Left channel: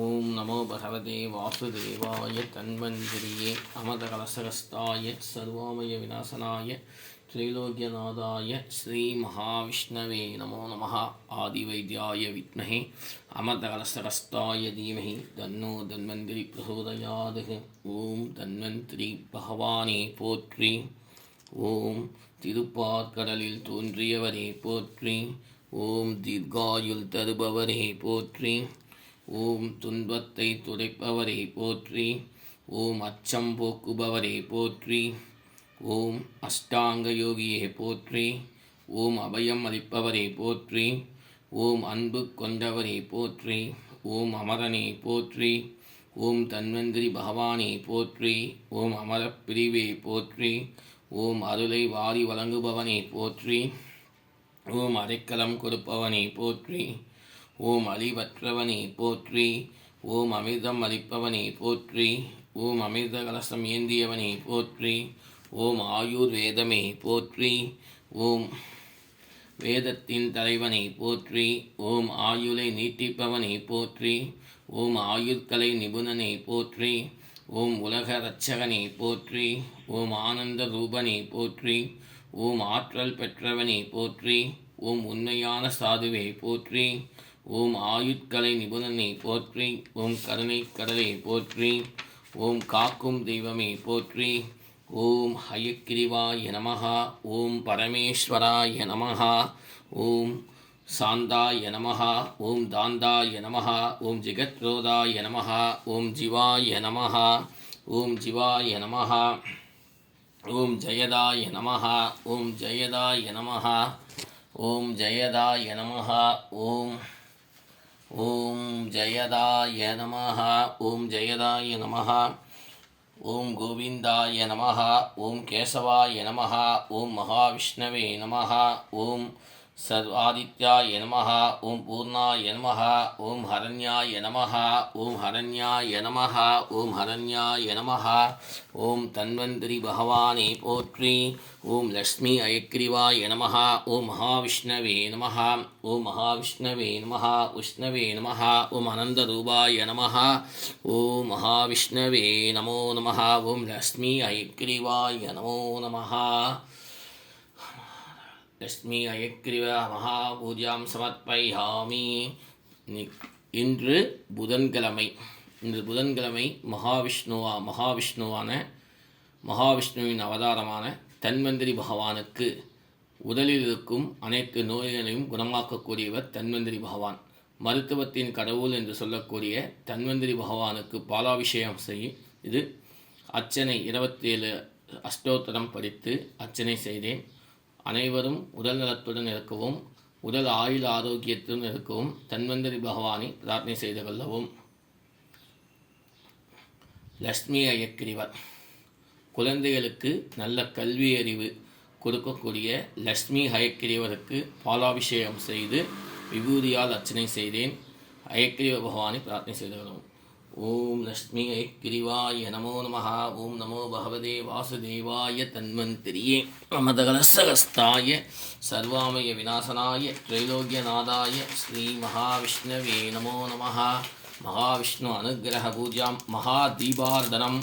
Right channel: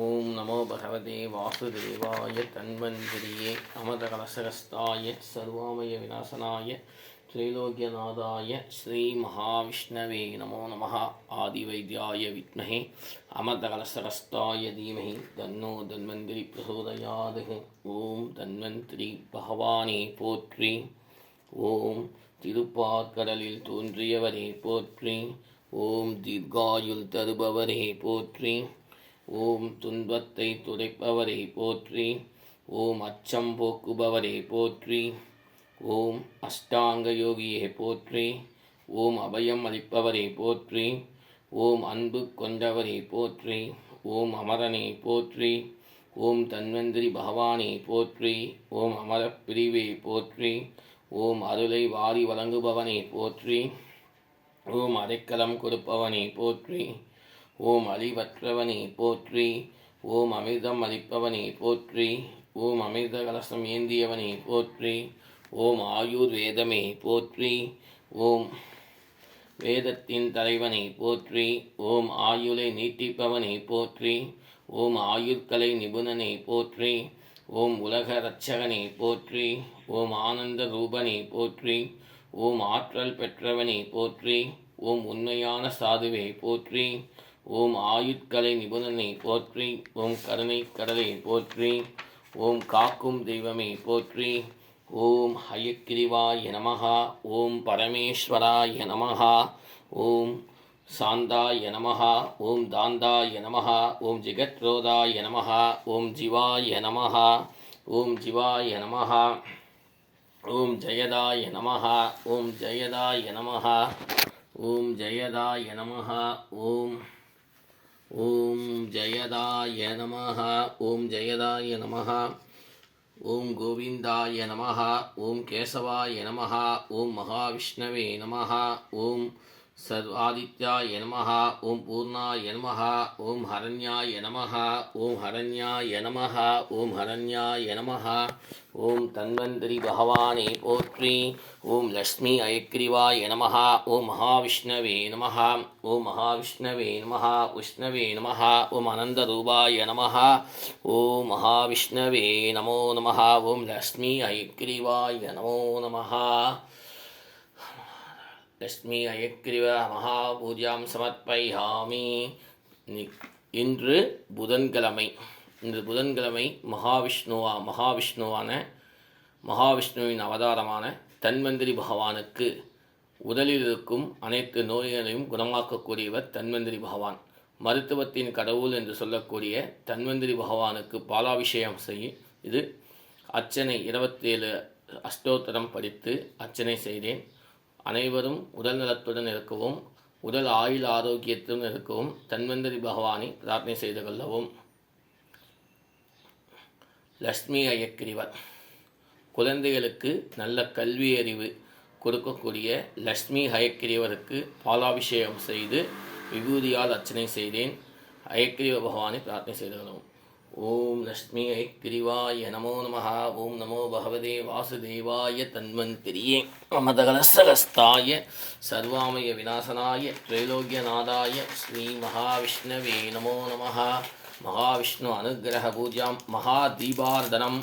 ஓம் நமோ பகவதே வாசுதேவாய தன்வந்திரியே அமதகலசகஸ்தாய சர்வாமய விநாசனாய திரைலோக்கியநாதாய ஸ்ரீ மகாவிஷ்ணவே நமோ நமः. ஆதிவைத்யாய வித்மஹே அமதகலசகஸ்தாய தீமஹி தன்னோ தன்வந்திரி பிரசோதயாத். ஓம் தன்வந்திரி பகவானே போற்றி. ஓம் திருப்பாற்கடலில் தோன்றியவரே போற்றி. ஓம் தீர்காயுள் தருபவரே போற்றி. ஓம் துன்பத்தை துடைப்பவரே போற்றி. ஓம் அச்சம் போக்குபவரே போற்றி. ஓம் அஷ்டாங்க யோகியே போற்றி. ஓம் அபயம் அளிப்பவரே போற்றி. ஓம் அன்பு கொண்டவரே போற்றி. ஓம் அமரனே போற்றி. ஓம் தன்வந்திரி பகவானே போற்றி. ஓம் அமரப்பிரிவே போற்றி. ஓம் அருளை வாரி வழங்குபவனே போற்றி. ஓம் அடைக்கலம் கொடுப்பவனே போற்றி. ஓம் அழிவற்றவனே போற்றி. ஓம் அமிர்தம் அளிப்பவனே போற்றி. ஓம் அமிர்த கலசம் ஏந்தியவனே போற்றி. ஓம் ஆயுர்வேதமே போற்றி. ஓம் வேதத்தின் தலைவனே போற்றி. ஓம் ஆயுளை நீட்டிப்பவனே போற்றி. ஓம் ஆயுட்கலை நிபுணனே போற்றி. ஓம் உலக இரட்சகனே போற்றி. ஓம் ஆனந்த ரூபனே போற்றி. ஓம் ஆற்றல் பெற்றவனே போற்றி. ஓம் உண்மையான சாதுவே போற்றி. ஓம் ஆயுட்கலை நிபுணனை போற்றி. ஓம் கருணை கடலை போற்றி. ஓம் காக்கும் தெய்வமே போற்றி. ஓம் ஹயக்கிரிவாய நமஹ. ஓம் பரமேஸ்வராய நமஹ. ஓம் சாந்தாய நமஹ. ஓம் தாந்தாய நமஹ. ஓம் ஜெகத்ரோதாய நமஹ. ஓம் ஜிவாய நமஹ. ஓம் ஜிவாய நமஹ. ஓம் ஜயதாய நமஹ. ஓம் ஜயதாய நமஹ. ஓம் ஜயதாய நமஹ. ஓம் ஓம் ஜயதாய நமஹ. ஓம் ஜயதாய நமஹ. ஓம் கோவிந்தாய நமஹ. ஓம் கேசவாய நமஹ. ஓம் மகாவிஷ்ணவே நமஹ. ஓம் சர்வாதித்யாய நமஹ. ஓம் பூர்ணாய நமஹ. ஓம் ஹரண்யாய நமஹ. ஓம் ஹரண்யாய நமஹ. ஓம் ஹரண்யாய நமஹ. ஓம் தன்வந்திரி பகவானே போற்றி. ஓம் லக்ஷ்மி அயக்ரிவாய நமஹ. ஓம் மகாவிஷ்ணவே நமஹ. ஓம் மகாவிஷ்ணவே நமஹ. விஷ்ணவே நமஹ. ஓம் அனந்தரூபாய நமஹ. ஓம் மகாவிஷ்ணவே நமோ நமஹ. ஓம் லக்ஷ்மி அயக்ரிவாய நமோ நமஹ. லக்ஷ்மி அயக்ரிவ மகாபூஜாம் சமர்ப்பயாமி. இன்று புதன்கிழமை. மகாவிஷ்ணுவின் அவதாரமான தன்வந்திரி பகவானுக்கு உடலில் இருக்கும் அனைத்து நோய்களையும் குணமாக்கக்கூடியவர் தன்வந்திரி பகவான். மருத்துவத்தின் கடவுள் என்று சொல்லக்கூடிய தன்வந்திரி பகவானுக்கு பாலாபிஷேகம் செய்யும் இது அர்ச்சனை 27 அஷ்டோத்தரம் படித்து அர்ச்சனை செய்தேன். அனைவரும் உடல் நலத்துடன் இருக்கவும் உடல் ஆயுள் ஆரோக்கியத்துடன் இருக்கவும் தன்வந்திரி பகவானை பிரார்த்தனை செய்து கொள்ளவும். லக்ஷ்மி அயக்கிரிவர் குழந்தைகளுக்கு நல்ல கல்வி அறிவு கொடுக்கக்கூடிய லக்ஷ்மி அயக்கிரிவருக்கு பாலாபிஷேகம் செய்து விபூதியால் அர்ச்சனை செய்தேன். அயக்கிரிவ பகவானை பிரார்த்தனை செய்து கொள்ளவும். ஓம் லக்ஷ்மி அயக்கிரிவாய நமோ நமஹ. ஓம் நமோ பகவதே வாசுதேவாய தன்வந்திரியே அமதகலசகஸ்தாய சர்வாமய விநாசனாய திரைலோக்கியநாதாய ஸ்ரீ மகாவிஷ்ணவே நமோ நமஹ. மகாவிஷ்ணு அனுகிரக பூஜாம் மகாதீபார்தனம்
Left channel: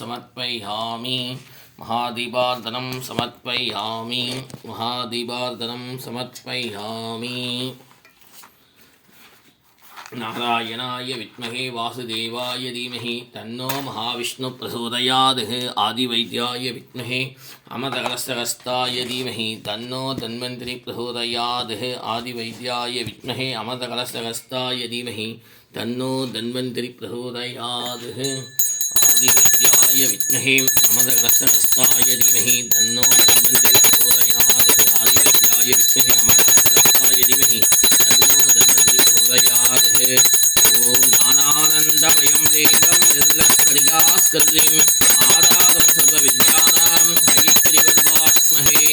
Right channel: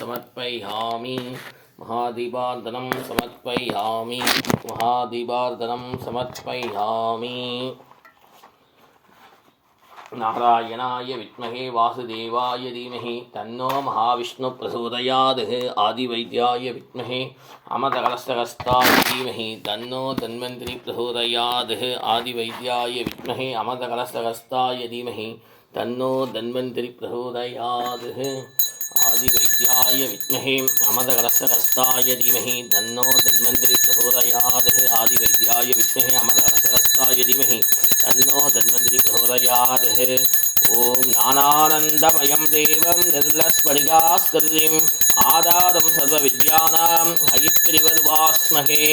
சமர்ப்பயாமி. மகாதீபார்தனம் சமர்ப்பயாமி. மகாதீபார்தனம் சமர்ப்பயாமி. நாராயணாய வித்மஹே வாசுதேவாய தீமஹி தன்னோ மகாவிஷ்ணு பிரசோதயாத். ஆதிவைத்யாய வித்மஹே அமதகலசகஸ்தாய தீமஹி தன்னோ தன்வந்திரி பிரசோதயாத். ஆதிவைத்யாய வித்மஹே அமதகலசகஸ்தாய தீமஹி தன்னோ தன்வந்திரி பிரசோதயாத். ஆதிவைத்யாய வித்மஹே அமதகலசகஸ்தாய தீமஹி தன்னோ தன்வந்திரி பிரசோதயாத். ஆதிவைத்யாய வித்மஹே அமதகலசகஸ்தாய தீமஹி தன்னோ தன்வந்திரி பிரசோதயாத். ஓம் ஞானானந்தமயம் தேவம் நிர்மலஸ்படிகாஸ்கிருதிம் ஆதாரம் சர்வ வித்யானாம் ஹயக்ரீவர்வாஸ்மஹே.